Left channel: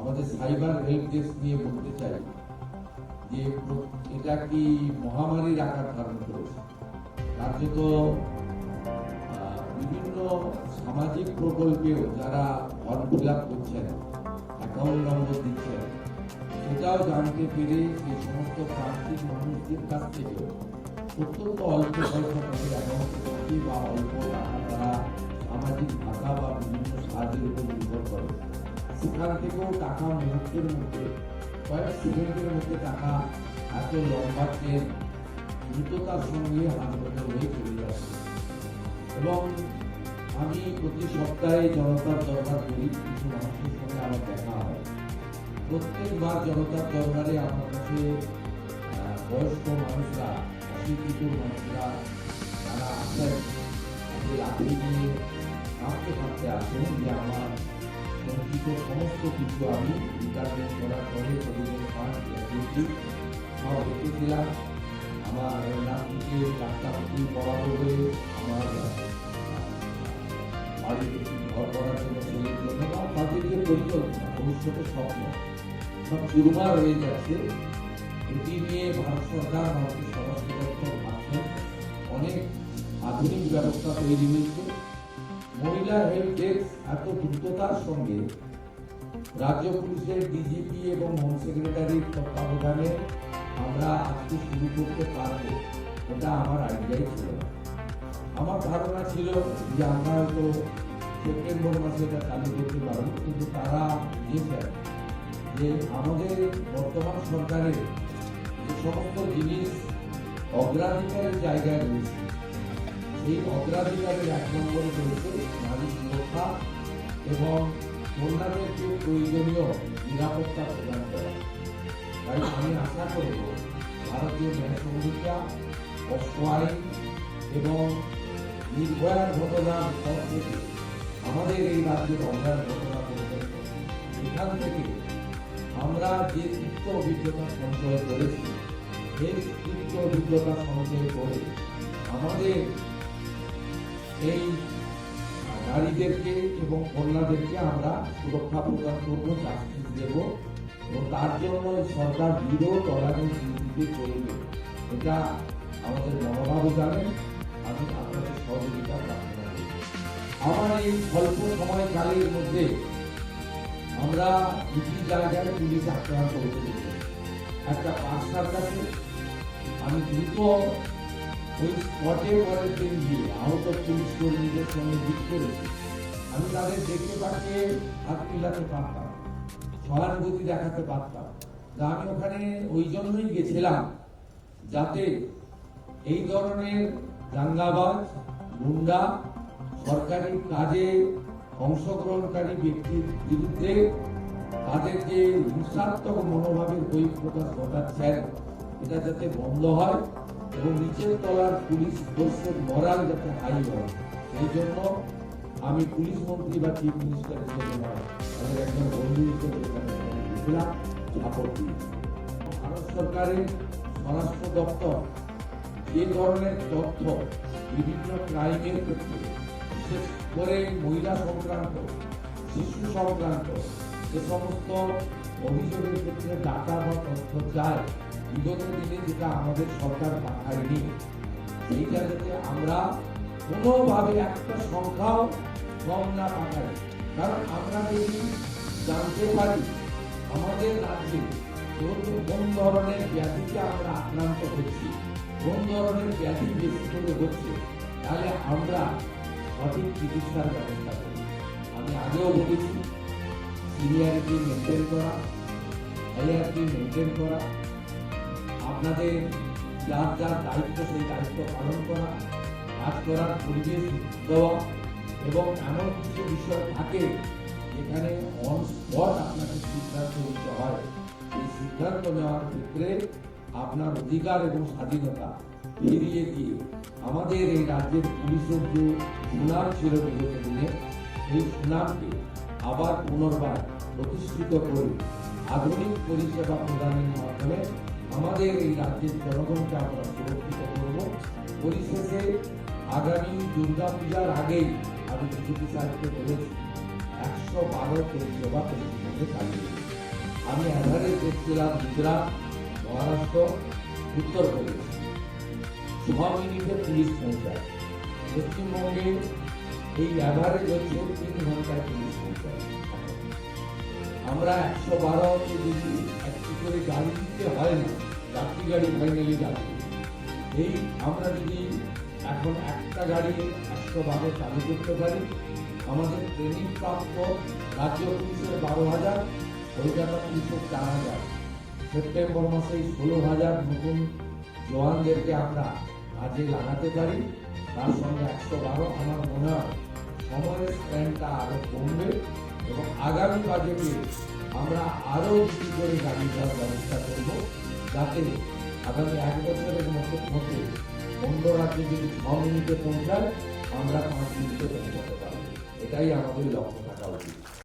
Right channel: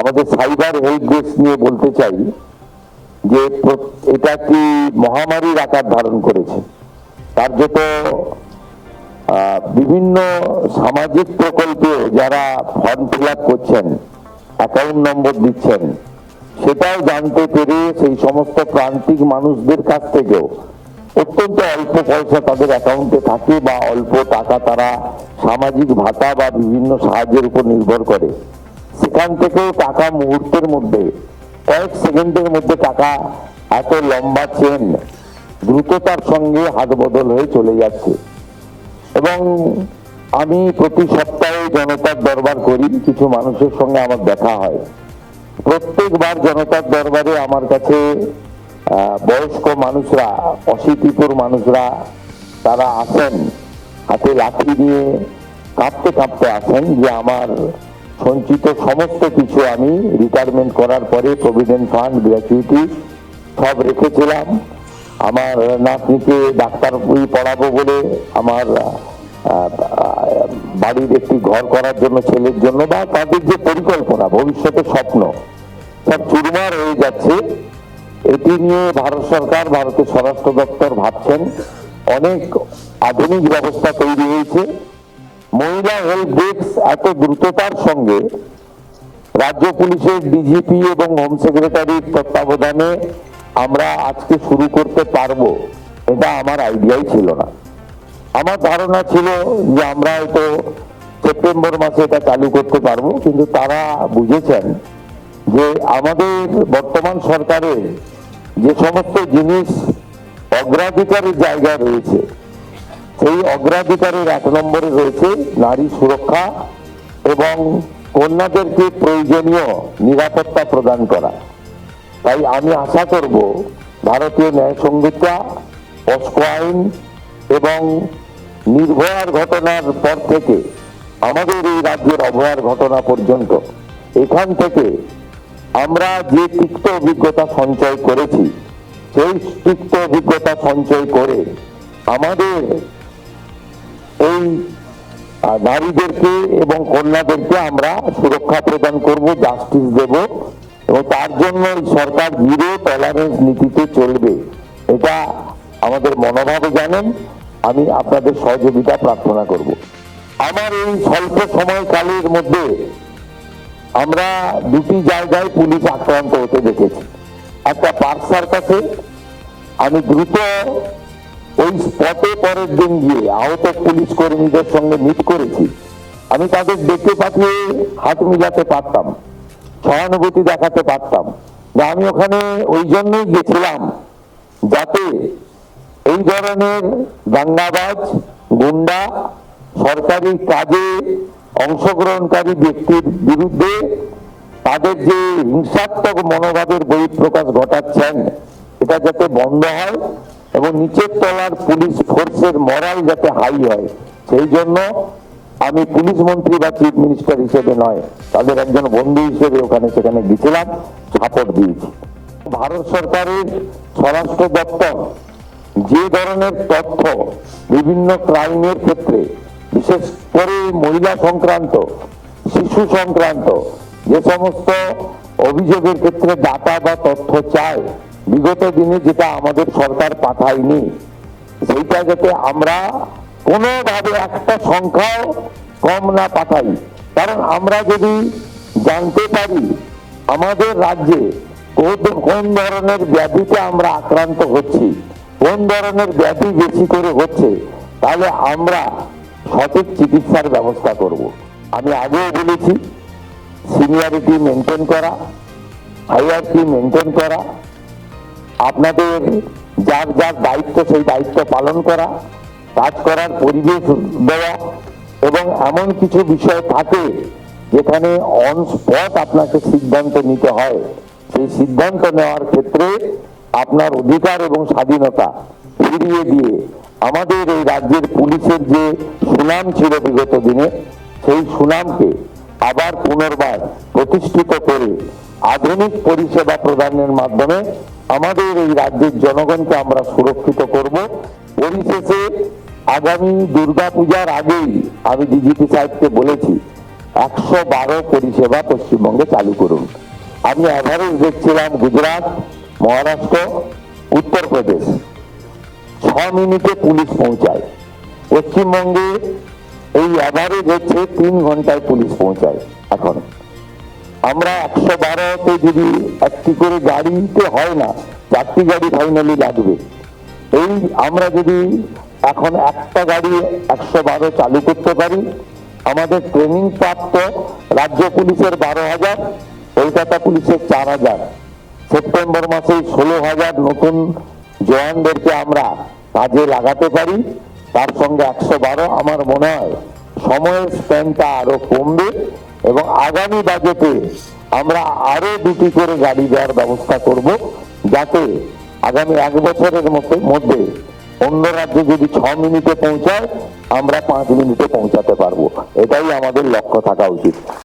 আমাদের cyber help desk নিয়ে বলতে চাই যে এটা একটি মহামারীর আকার ধারণ করেছে। কার্যত বিভিন্ন সামাজিক প্রকল্পে যারা ফর্ম ফিল আপ করছেন, অ্যাকাউন্ট নম্বর দিচ্ছেন, সেটাও জানতে পেরে সেই সমস্ত প্রান্তিক মানুষদের কাছ থেকেও অত্যন্ত অল্প পয়সা তাদের অ্যাকাউন্টে থাকে বা অল্প টাকা তারা সামাজিক ভাতা বা বিভিন্ন সাহায্যের উপর নির্ভর করে, সেখান থেকেও টাকা মুহূর্তের মধ্যে, কয়েক সেকেন্ডের মধ্যে টাকা এত লম্বা চেন দ্রুততার সঙ্গে হাত বদল হয়ে চলে যাচ্ছে। এবং আমি প্রতি সপ্তাহে জনতার দরবার করি, কিছু মানুষের সঙ্গে আমার দেখা হয়। প্রত্যেকবার জনতার দরবারে আমার কাছে বয়স্ক মানুষরা, অশীতিপুর মানুষরা তারা আসেন, হাতে লাঠি নিয়ে কাঁপতে কাঁপতে আসেন যে আমার সঞ্চিত সমস্ত কিছু আমি রিটায়ারমেন্ট করার পরে প্রভিডেন্ট ফান্ড, গ্র্যাচুইটি সব রেখেছিলাম। আমার নাতনিকে ডাক্তার পড়াবো বলে, আমার বাড়ির একটি ঘর করার জন্য ছেলের জন্য, বা তাদের যে পরিকল্পনা, ভবিষ্যতের স্বপ্ন, সব চুরমার হয়ে যাচ্ছে। এটি নিয়ে ভারত সরকার, ভারতের স্বরাষ্ট্র দপ্তর ভাবছেন। অনেক আধুনিক ব্যবস্থা তৈরি হয়েছে। মহিলা হেল্প ডেস্ক এত দ্রুততার সঙ্গে রাজ্য পুলিশের ডিজিপি এবং হোম সেক্রেটারির তত্ত্বাবধানে আমরা আজকে শুরু করতে পারবো, এটা আমার আইডিয়াই ছিল না। আমার ধারণা ছিল যে আমরা হয়তো সেপ্টেম্বর মাসে এটা চালু করতে পারবো, কিন্তু তারা বুঝেছেন যে আমাদের বর্তমান সরকারের যে সমস্ত জিনিস অগ্রাধিকারের জায়গায় রয়েছে, সেই অগ্রাধিকারের 1 নম্বরে রয়েছে নারী সুরক্ষা এবং কন্যাদেরকে প্রয়োজনীয় নিরাপত্তা প্রদান করা। তাই আমি আশা করব ভারতীয় ন্যায় সংহিতা, পস্কো আইন এবং নির্ভয়ার ঘটনার পর থেকে আমাদের এই রাজ্যের অভয়ার ঘটনা পর্যন্ত, এখান থেকে আমরা যে তিক্ত অভিজ্ঞতা সঞ্চয় করেছি, সেই তিক্ত অভিজ্ঞতা সঞ্চয় করে আমাদের এই নারীদেরকে এবং কন্যাদেরকে আমরা সুরক্ষা প্রদান করব, জাস্টিস দেব, এবং তার জন্য সরকার জিরো টলারেন্স নীতিতে চলবে। এটা আমাদের মনোভাবে জানেন। আমি আপনাদের সহযোগিতা প্রার্থনা করব। আমার এই স্বল্প সময়কালের মধ্যে আমরা দুটি জায়গায় পুলিশ আক্রান্ত হতে দেখেছি। একটা পার্সার কাছে আমি দ্রুত ওই স্পটে পরের দিন গিয়ে আহত পুলিশ কর্মীদের সঙ্গে মিট করেছি। আমি তাদের ডেকে পাঠিয়ে হাত মিলাতে পারতাম, সহানুভূতি দেখাতে পারতাম। আমি ওখানে ওই জন্যই গেছিলাম যাতে এই ধরনের দাঙ্গাবাজ, গুন্ডা, সরকারি কাজে অংশগ্রহণকারী ব্যক্তির বিরুদ্ধে তাদের যে হিংসাত্মক মনোভাবের বহিঃপ্রকাশ ঘটাচ্ছেন, এটা যাতে বন্ধ হয় এবং নিচের তলার পুলিশ ফোর্সের মরাল যাতে হাই হয়, সেই জন্য আমি পুলিশ মন্ত্রী বা চিফ মিনিস্টার হিসেবে নয়, তাদের একজন বন্ধু হিসেবে ওখানে সেখানে গেছিলাম, সাপোর্ট দিয়েছি। ভারত সরকারের স্বরাষ্ট্র দপ্তর যে ধরনের তথ্য বিভিন্ন ক্রাইমের ক্ষেত্রে, বিশেষ করে মহিলা সংক্রান্ত, শিশু সংক্রান্ত যে সমস্ত অভিযোগের ক্ষেত্রে ডাটা বা তথ্য চায়, বিগত দিনে যেটা আমাদের সরকার পাঠায়নি, সেইটা যাতে আমরা কোনোভাবে একটা সংখ্যাও কম না পাঠাই। কারণ আমরা যদি জানতে পারি আমাদের রাজ্যে কোন ধরনের ব্যাধিতে আমরা আক্রান্ত হচ্ছি, কোন ধরনের ব্যাধি বেশি করে হচ্ছে, তাহলে আমরা সঠিক চিকিৎসার ব্যবস্থা করব। আমি আগেও বলেছি, সিনিয়রিটি মেনটেন করা, হায়ারকি মেনটেন করা, আপনাদের যার যার দায়িত্ব সেই দায়িত্ব পালন করা, কাজ করার পরিবেশ দেওয়া, এবং এমন কিছু বিষয় থাকে যেখানে অন স্পট আপনাকে সিদ্ধান্ত নিতে হয়, সেই সিদ্ধান্ত নেওয়ার ক্ষেত্রে আপনার অধিকার এবং স্বাধীনতা ফিরিয়ে দিয়ে আমাদের এই রাজ্যের পুলিশের যে সুনাম ছিল বিগত দিনে, সেই সুনামকে আবার পুনর্বার প্রতিষ্ঠিত করে আধুনিক পরিষেবা প্রদানের মাধ্যমে আমাদের এই রাজ্যের জনগণকে আমরা সুরক্ষিত করব। পরিশেষে আগামী দুর্গাপূজার আগেই আমি ডিজিপি সাহেবকে বলেছি 112 পরিষেবা পশ্চিমবঙ্গে চালু করুন। আমি অ্যাভারেজ দেখছিলাম গুজরাট, মহারাষ্ট্র, উত্তরপ্রদেশ 6 মিনিটে পুলিশ পৌঁছায়। পশ্চিমবঙ্গে এই অ্যাভারেজ হচ্ছে 3 ঘন্টায় পুলিশ পৌঁছায়। এখন আমরা 112তে যদি একটি করে গাড়িতে হয় না, 4টি গাড়ি ফাইনালি লাগবে। এই আমরা যদি এখন একটা গাড়ি 112 চালু করতে পারি, আমাদের ট্রেনিং প্রাপ্ত রাজ্য পুলিশের 12,000, কলকাতা পুলিশের 4,000, সেপ্টেম্বর মাসে 16,000 নতুন জওয়ানদেরকে আমরা কাজে লাগাতে পারি। তার সঙ্গে 112, আমার মনে হয় সময়ের স্প্যানটা আরো কমবে এবং আগামী বাজেটে আমরা আরো 2টি করে গাড়ি দেওয়ার ব্যবস্থা করব, যাতে আগামী 1 বছরের মধ্যে অন্য রাজ্যে যদি 6 মিনিটে পৌঁছায়, আমরা 5 মিনিটে পৌঁছাতে পারবো। এটাই আমাদের লক্ষ্য থাকা উচিত।